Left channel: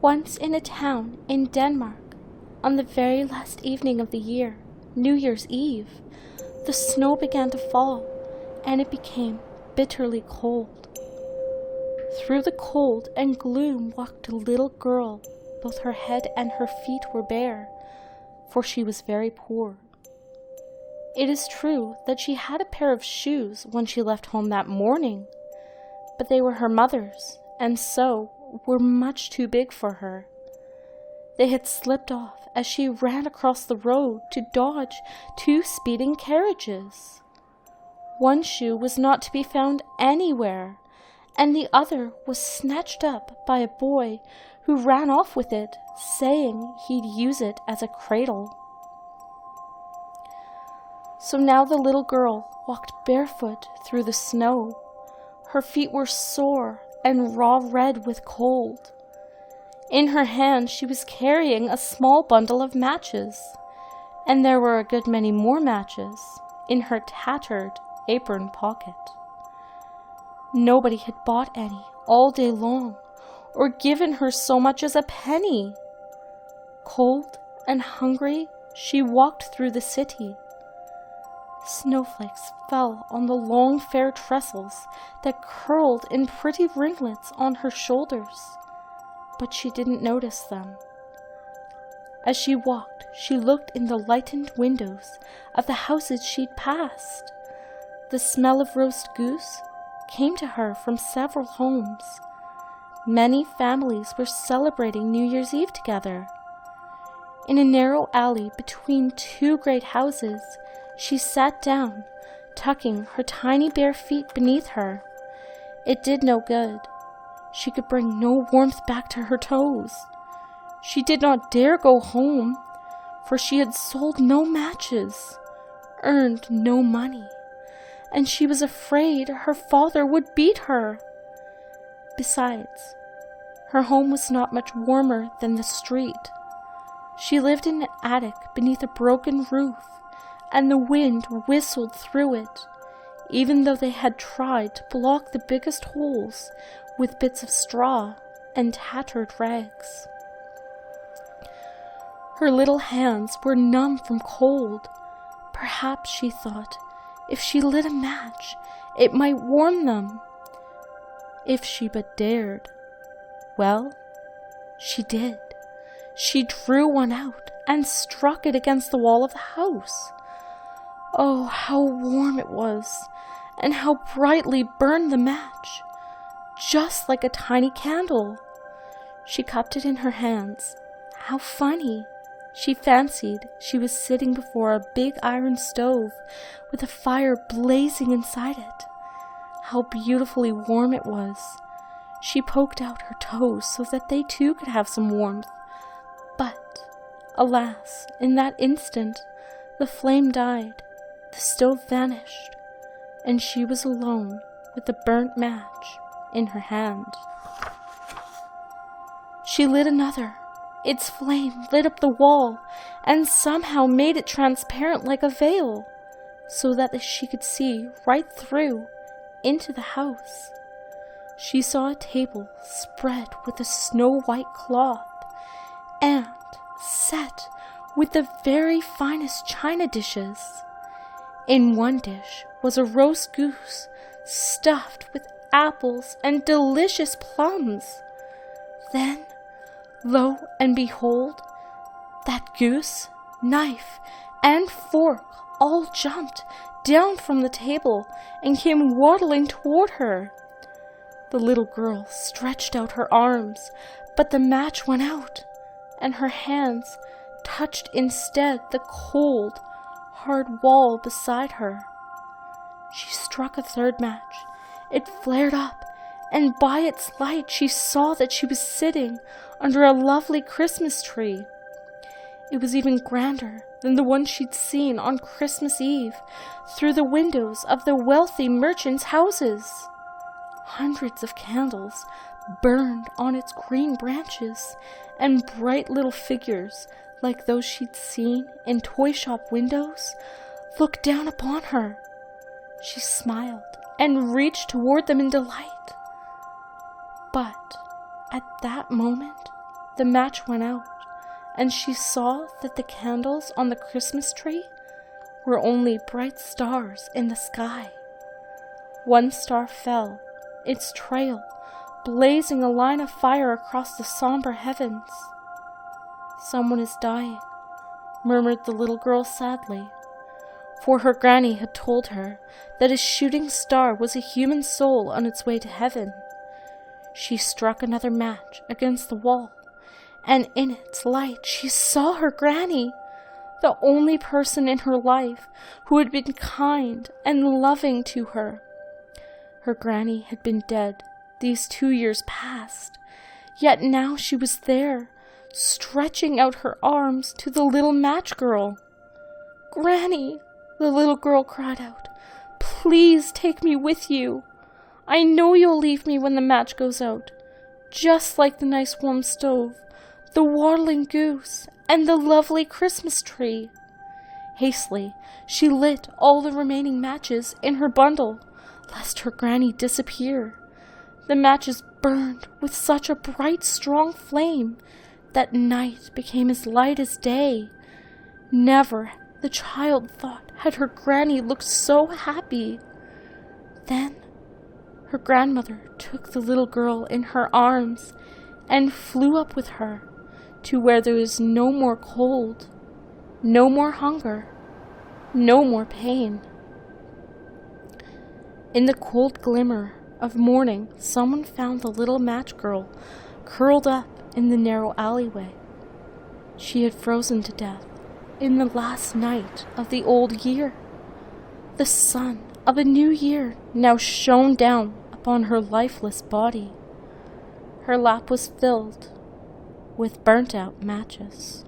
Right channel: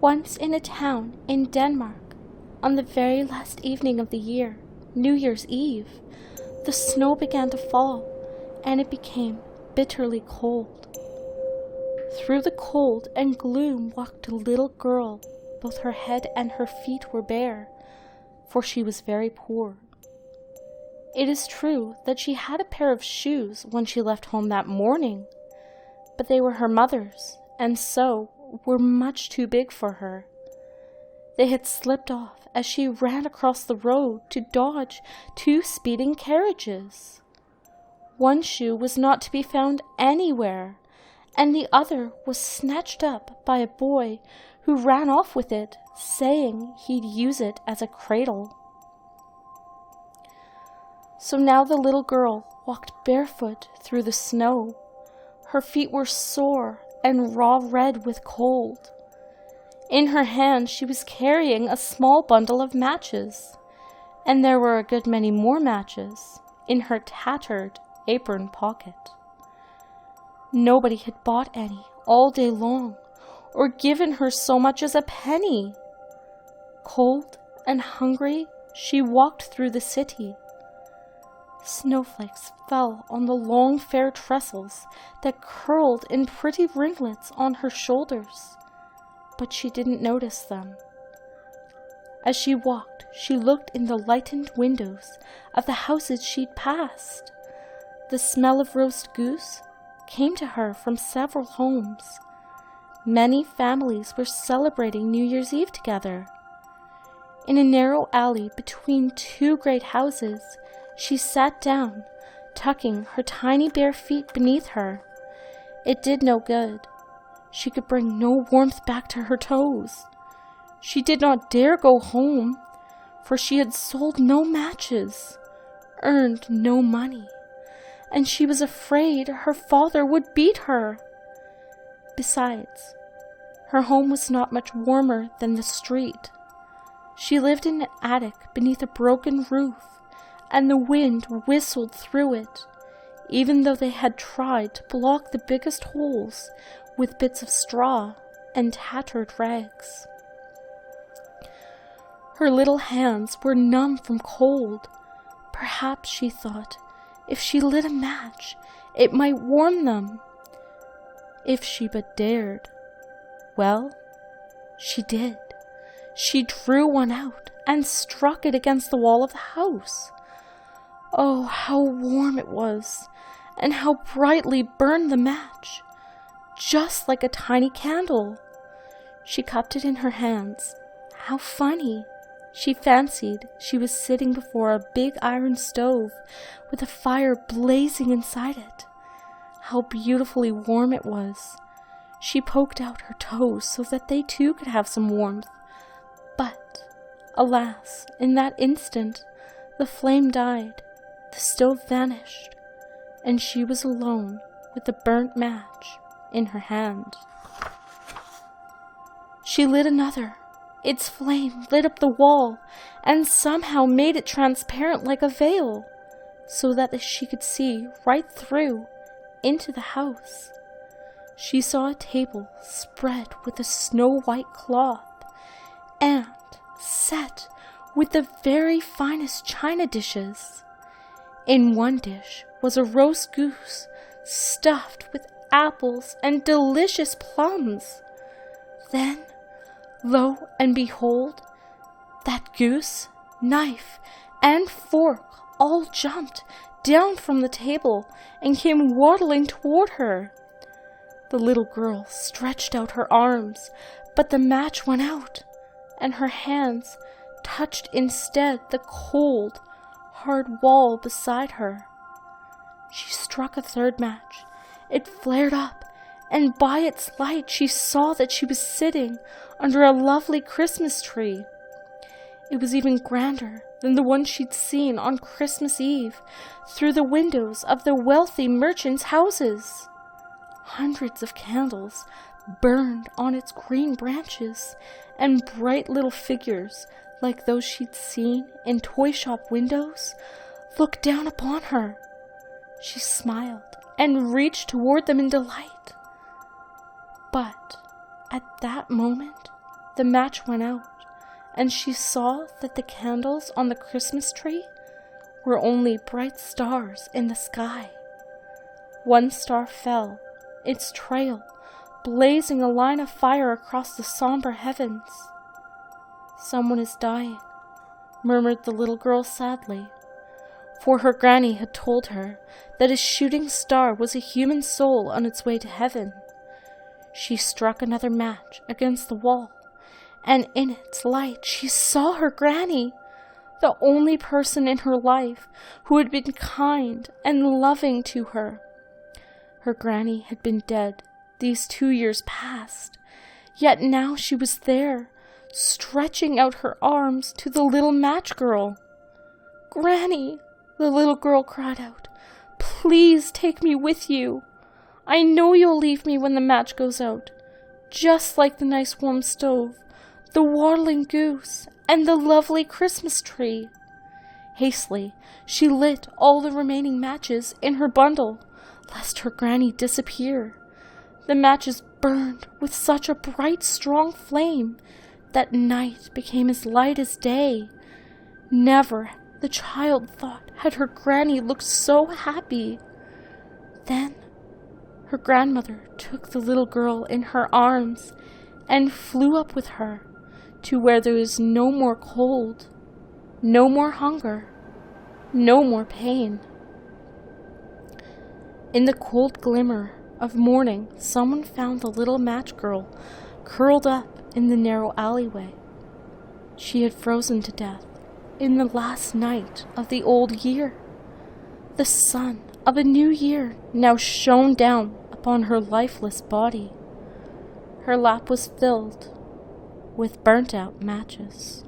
Once in a town in Denmark, on the very last evening of the year, New Year's Eve, the snow began to fall, and it became bitterly cold. Through the cold and gloom walked a little girl. Both her head and her feet were bare, for she was very poor. It is true that she had a pair of shoes when she left home that morning, but they were her mother's, and so were much too big for her. They had slipped off as she ran across the road to dodge two speeding carriages. One shoe was not to be found anywhere, and the other was snatched up by a boy who ran off with it, saying he'd use it as a cradle. So now the little girl walked barefoot through the snow. Her feet were sore and raw red with cold. In her hand she was carrying a small bundle of matches, and there were a good many more matches in her tattered apron pocket. Nobody had bought any all day long, or given her so much as a penny. Cold and hungry, she walked through the city. Snowflakes fell on the long fair tresses that curled in pretty ringlets on her shoulders, but she didn't notice them. As she walked, she looked in the lighted windows of the houses she'd passed. The smell of roast goose came to her from several homes. Many families were celebrating New Year's Eve together. In a narrow alley between two great houses, she sat down, tucking her tiny bare feet beneath her. It did no good. She could bring no warmth back to her toes. She did not dare go home, for she had sold no matches, earned no money, and she was afraid her father would beat her. Besides, her home was not much warmer than the street. She lived in an attic beneath a broken roof, and the wind whistled through it, even though they had tried to block the biggest holes with bits of straw and tattered rags. Her little hands were numb from cold. Perhaps, she thought, if she lit a match, it might warm them. If she but dared. Well, she did. She drew one out and struck it against the wall of the house. Oh, how warm it was, and how brightly burned the match, just like a tiny candle. She cupped it in her hands. How funny! She fancied she was sitting before a big iron stove with a fire blazing inside it. How beautifully warm it was. She poked out her toes so that they too could have some warmth. But, alas, in that instant, the flame died. The stove vanished, and she was alone with the burnt match in her hand. She lit another. Its flame lit up the wall, and somehow made it transparent like a veil, so that she could see right through into the house. She saw a table spread with a snow-white cloth, and set with the very finest china dishes. In one dish was a roast goose stuffed with apples and delicious plums. Then, lo and behold, that goose, knife, and fork all jumped down from the table and came waddling toward her. The little girl stretched out her arms, but the match went out, and her hands touched instead the cold, hard wall beside her. She struck a third match. It flared up, and by its light she saw that she was sitting under a lovely Christmas tree. It was even grander than the one she'd seen on Christmas Eve through the windows of the wealthy merchants' houses. Hundreds of candles burned on its green branches, and bright little figures, like those she'd seen in toy shop windows, looked down upon her. She smiled and reached toward them in delight. But at that moment, the match went out, and she saw that the candles on the Christmas tree were only bright stars in the sky. One star fell, its trail blazing a line of fire across the somber heavens. "Someone is dying," murmured the little girl sadly, for her granny had told her that a shooting star was a human soul on its way to heaven. She struck another match against the wall, and in its light she saw her granny, the only person in her life who had been kind and loving to her. Her granny had been dead these 2 years past, yet now she was there, stretching out her arms to the little match girl. "Granny," the little girl cried out, "please take me with you. I know you'll leave me when the match goes out, just like the nice warm stove, the waddling goose, and the lovely Christmas tree." Hastily, she lit all the remaining matches in her bundle, lest her granny disappear. The matches burned with such a bright, strong flame that night became as light as day. Never, the child thought, had her granny looked so happy. Then her grandmother took the little girl in her arms and flew up with her to where there was no more cold, no more hunger, no more pain. In the cold glimmer of morning, someone found the little match girl curled up in the narrow alleyway. She had frozen to death in the last night of the old year. The sun of a new year now shone down upon her lifeless body. Her lap was filled with burnt-out matches.